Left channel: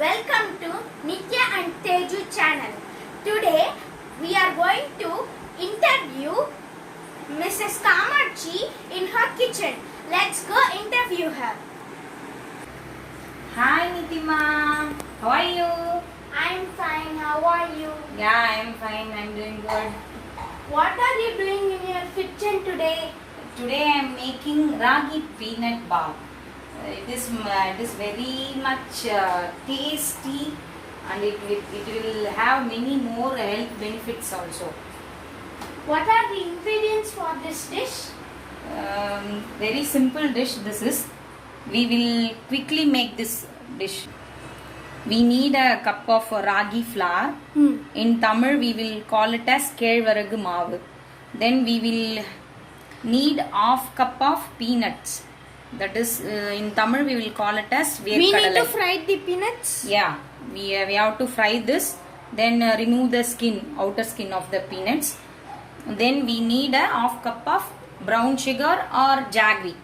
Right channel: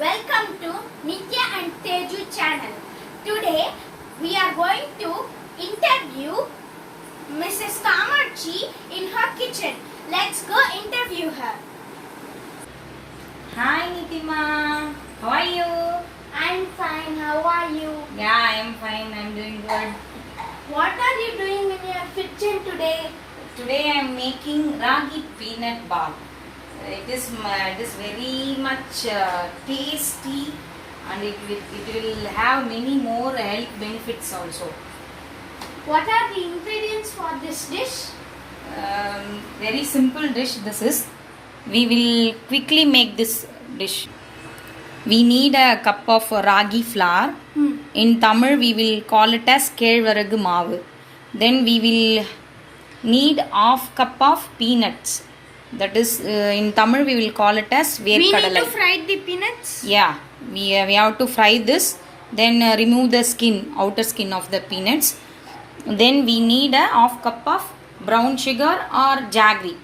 Welcome to Nitya and Teju channel. Today we are going to interview Mrs. Kamarchi in her kitchen. Let's go interview her. Hi Nitima, how are you? I'm fine. How are you? Yeah, I'm fine. I'm doing good. What are you doing in your kitchen today? Today I'm making ragi peanut bar. It is very much tasty, and it will have many more health benefits also. What are the ingredients for this dish? Very simple dish this is. We will quickly make this dish. We need a cup of ragi flour. In Tamil we will call it as kelvaragu maavu. Then we will need half cup of peanuts. That is in Tamil we will call it as We need verkadalai. to fry the peanuts. Yeah, we have to fry this. Then remove the skin, outer skin of the peanuts. Then we need a half cup of brown sugar or jaggery.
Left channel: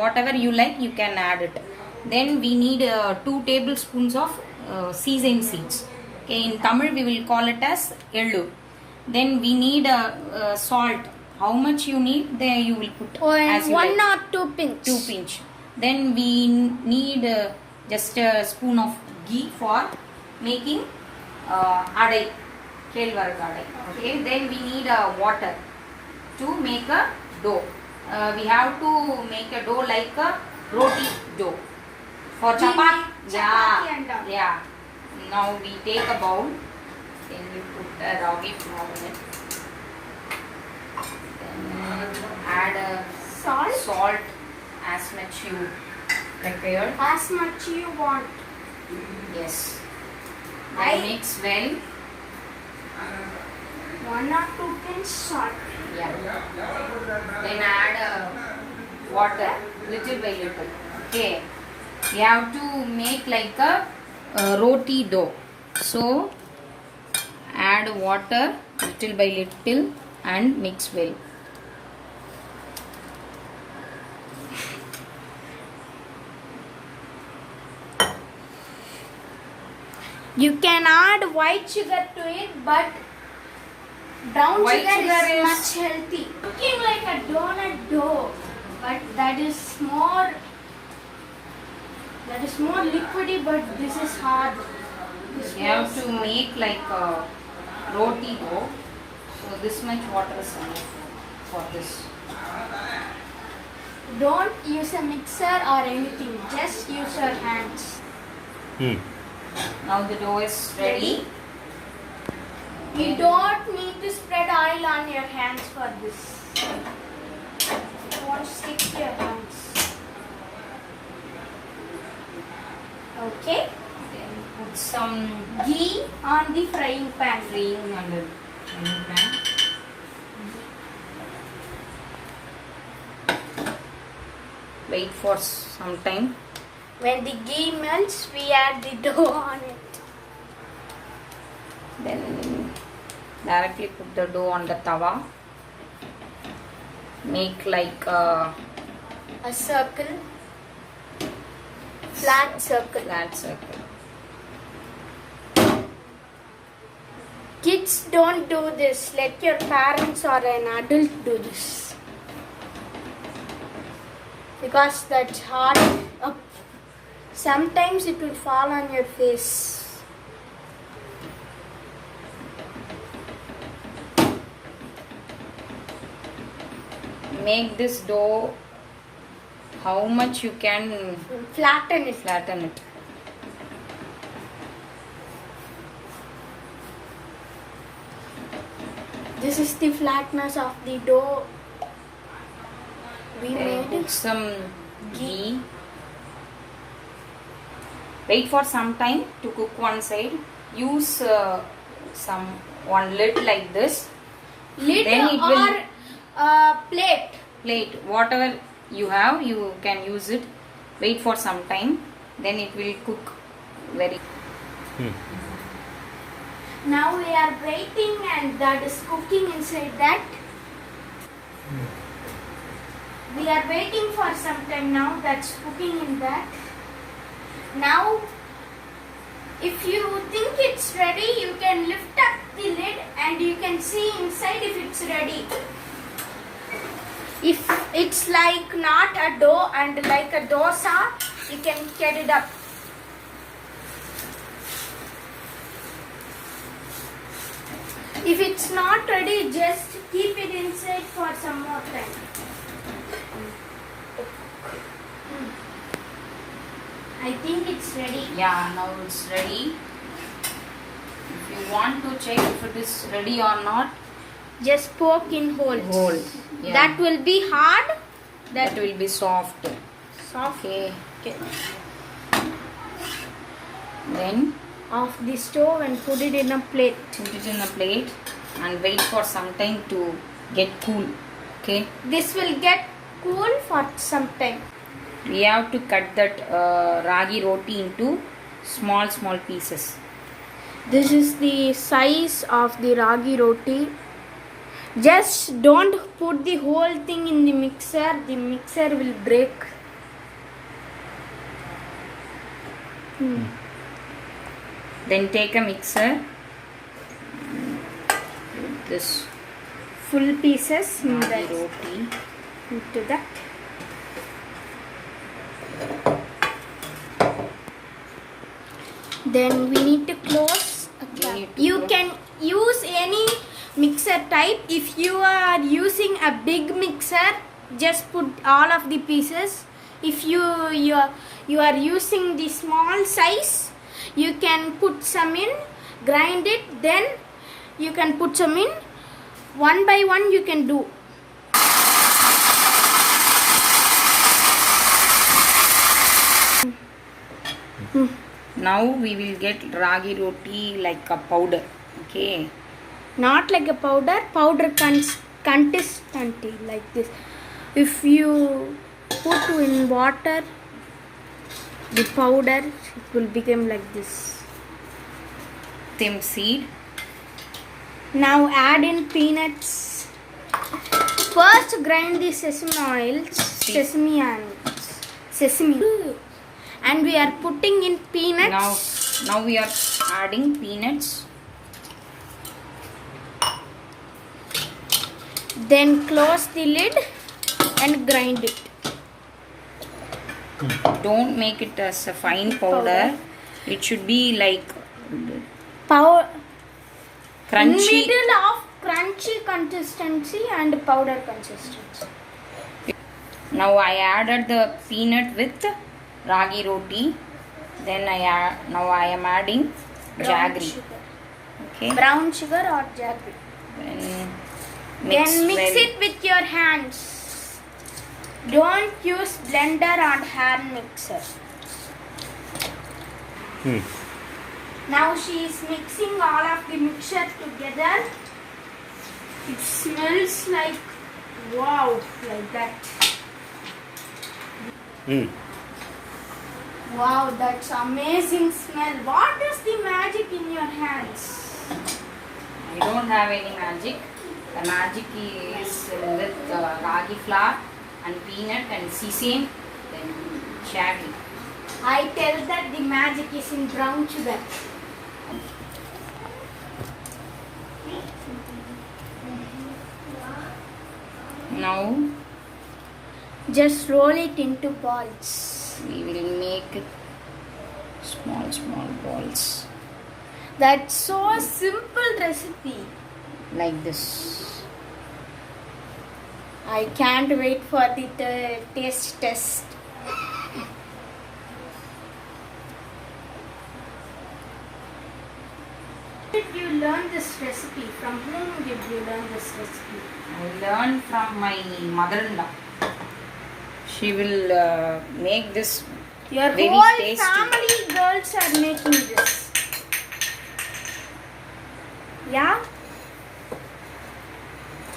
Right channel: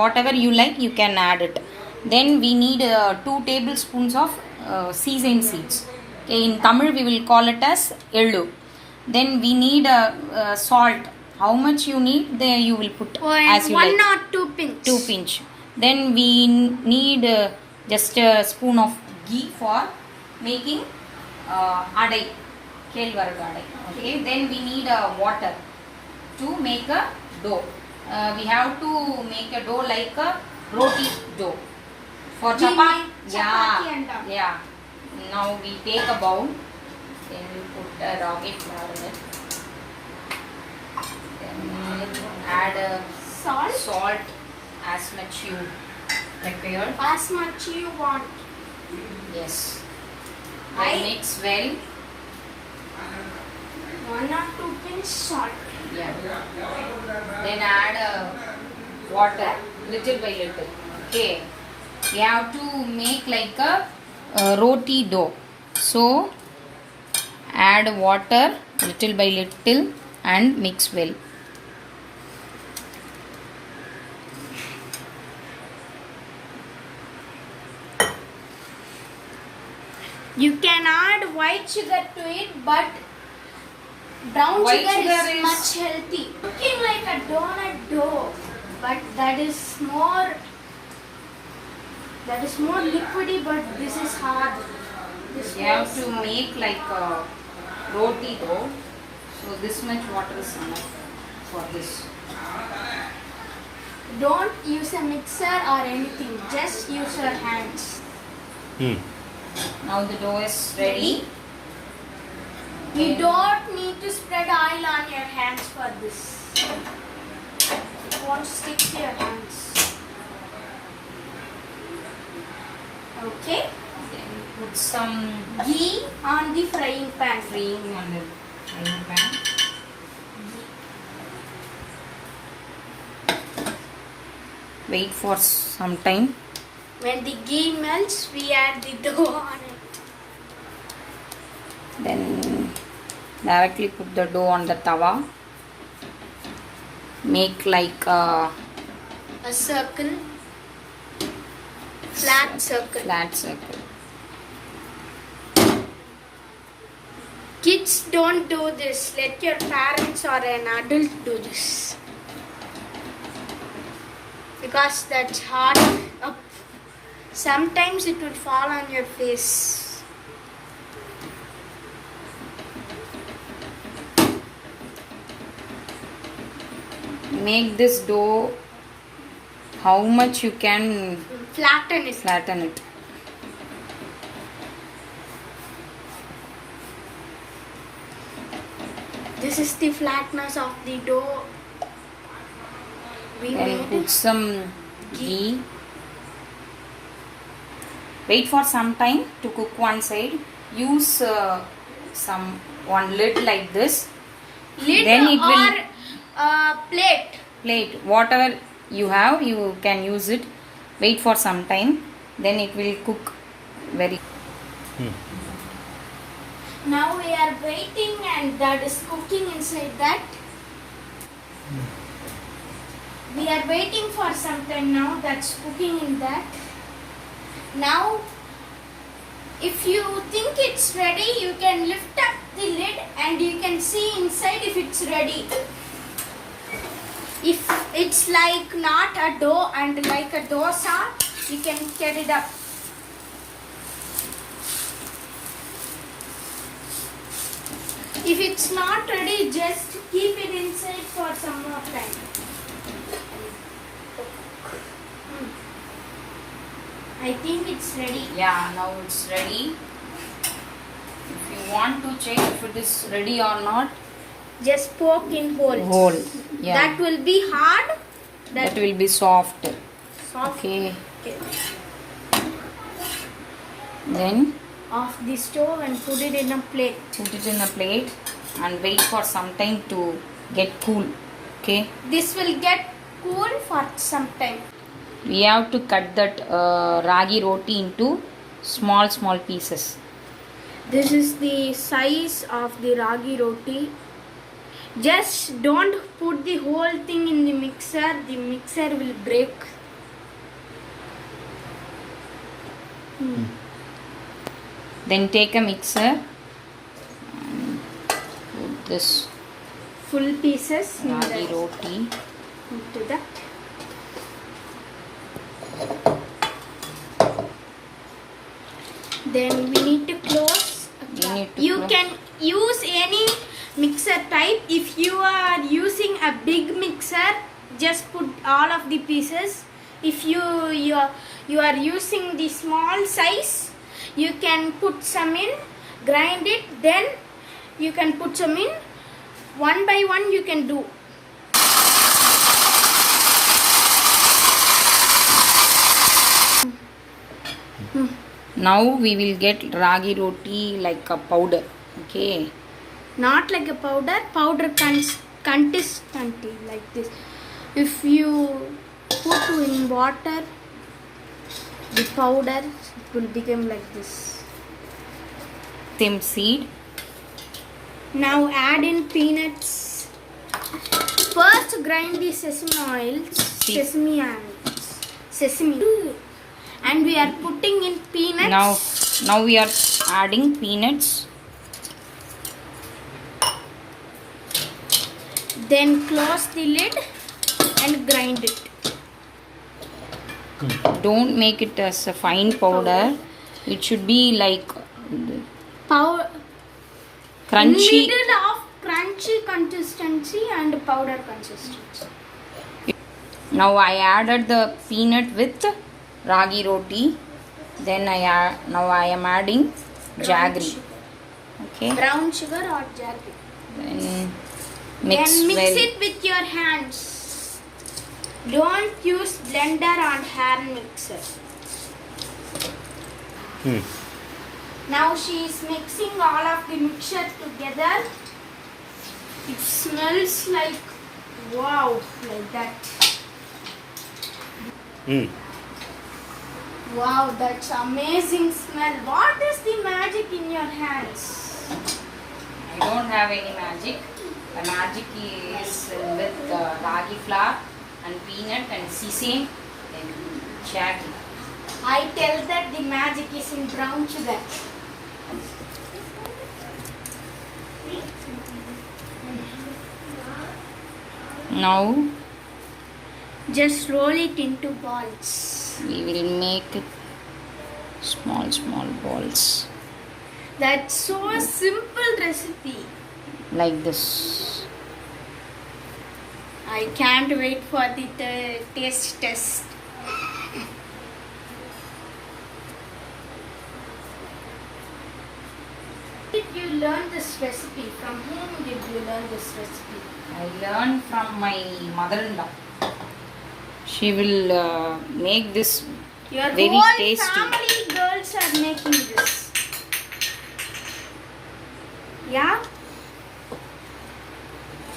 Whatever you like, you can add it. Then we need 2 tablespoons of sesame seeds. Okay, in Tamil we will call it as ellu. Then we need salt. How much you need, there you will put as you One like. or two pinch. 2 pinch. Then we need just a spoon of ghee for making adai, kelvaragu adai. Okay. Then we need water to make a dough. We have to make a dough like a roti dough. For We chapati, make chapati and all. yeah. Now we take a bowl. Then we put a ragi flour in it. Then add salt as much you require. As much you want. Yes. I- Then mix well. 1 or 2 pinch salt. Yeah. Then add water little by little. Okay. You have to make like a roti dough. So add water little by little and mix well. You can add white sugar to it, but brown White sugar sugar is is- much healthy. Looking like a donut dough, but that is more liquidy, but this is hard. This You have was- to make like a roti dough. So this much water is enough for this. Don't use a mixer or anything. Just use your hands. Now the dough is ready. You don't need to spread oil on your hands for this. It won't stick to your hands. Okay. Then put some Ghee on the frying pan. cream on the frying pan. Wait for some time. When the ghee melts, we add the dough on it. Then directly put the dough on the tawa. Make like A circle. Flat circle. flat circle. Kids don't do this. Let your parents or an adult do this. Because that's hard up. Sometimes it will fall on your face. Make this dough how much you can Flatten it. flatten it. This is the flatness of the dough we Then made. put some ghee. Wait for some time to cook one side. Use one lid like this. Lid Then it will or plate. plate. Whatever you have, you can use it. Wait for some time. Then it will cook very. Now we are waiting and that is cooking inside that. We are waiting for some time now. That's cooking in that. Now If you think it's ready, you can lift up the lid and you can see inside if it's ready. If it's like not a dough and like a dosa, you can get it up. If it's not ready, just keep it inside for some more time. I think it's ready. Yeah, now it's ready. If you want to check if it is ready or not, Just poke in holes. hole. Yeah. That will be hard. That will be soft. Soft. Okay. Okay. Then Off the stove and put it in a plate. put it in a plate and wait for some time to get cool. Okay. This will get cool for some time. We have to cut that ragi roti into small pieces. This is the size of the ragi roti. Just don't put the whole thing in the mixer. The mixer will break. Then take a mixer and put this Full pieces in ragi the, roti. into that. Then we need to close. You need to You close. can use any mixer type. If you are using a big mixer, just put all of the pieces. If you are using the small size, you can put some in, grind it, then you can put some in. One by one you can do. Now we will get ragi roti like a powder. Okay. Not like a powder consistency like this. If you put in water, the powder, it will become like this. Same seed. Now add in peanuts. First grind the sesame oils, and we are putting in peanuts. Now we are adding peanuts. Then close the lid and grind it. Don't make it as a fine powder. It should be like crunchy. Middle of crunchy consistency and powder consistency. Now I added the peanut with ragi roti. Then now I am adding jaggery. Okay. Brown sugar or jaggery. Then mix it with your hands. Don't use blender or hand mixer. Now she is mixing all of the mixture together. It smells like wow, like that. Wow, that's amazing smell. What is the magic in your hands? I don't have any magic. The magic is with ragi flour and peanut and sesame and jaggery. I tell that the magic is in brown sugar. Now Just roll it into balls. we will make it small balls That's so simple recipe. like this. I can't wait for the taste test. Did you learn this recipe? From whom did you learn this recipe? I learned from my mother-in-law. She will make this Your very whole tasty. family girls are making this. Yeah?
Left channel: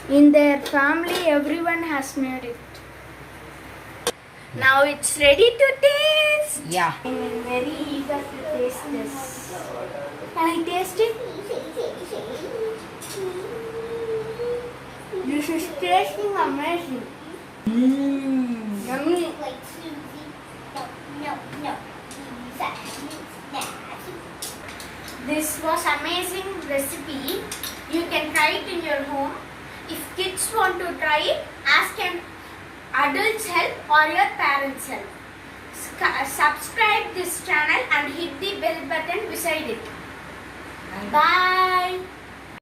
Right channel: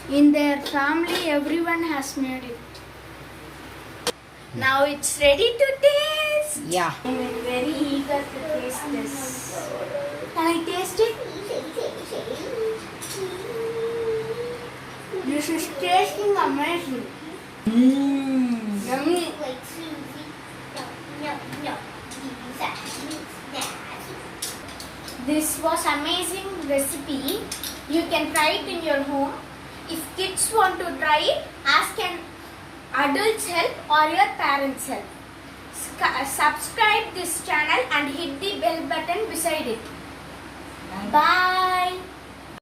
In their family, everyone has made it. Now it's ready to taste. Yeah. I'm very eager to taste this. Can I taste it? This is tasting amazing. Yummy. This was amazing recipe. You can try it in your home. If kids want to try it, ask an adult's help or your parents' help. Subscribe this channel and hit the bell button beside it. Bye.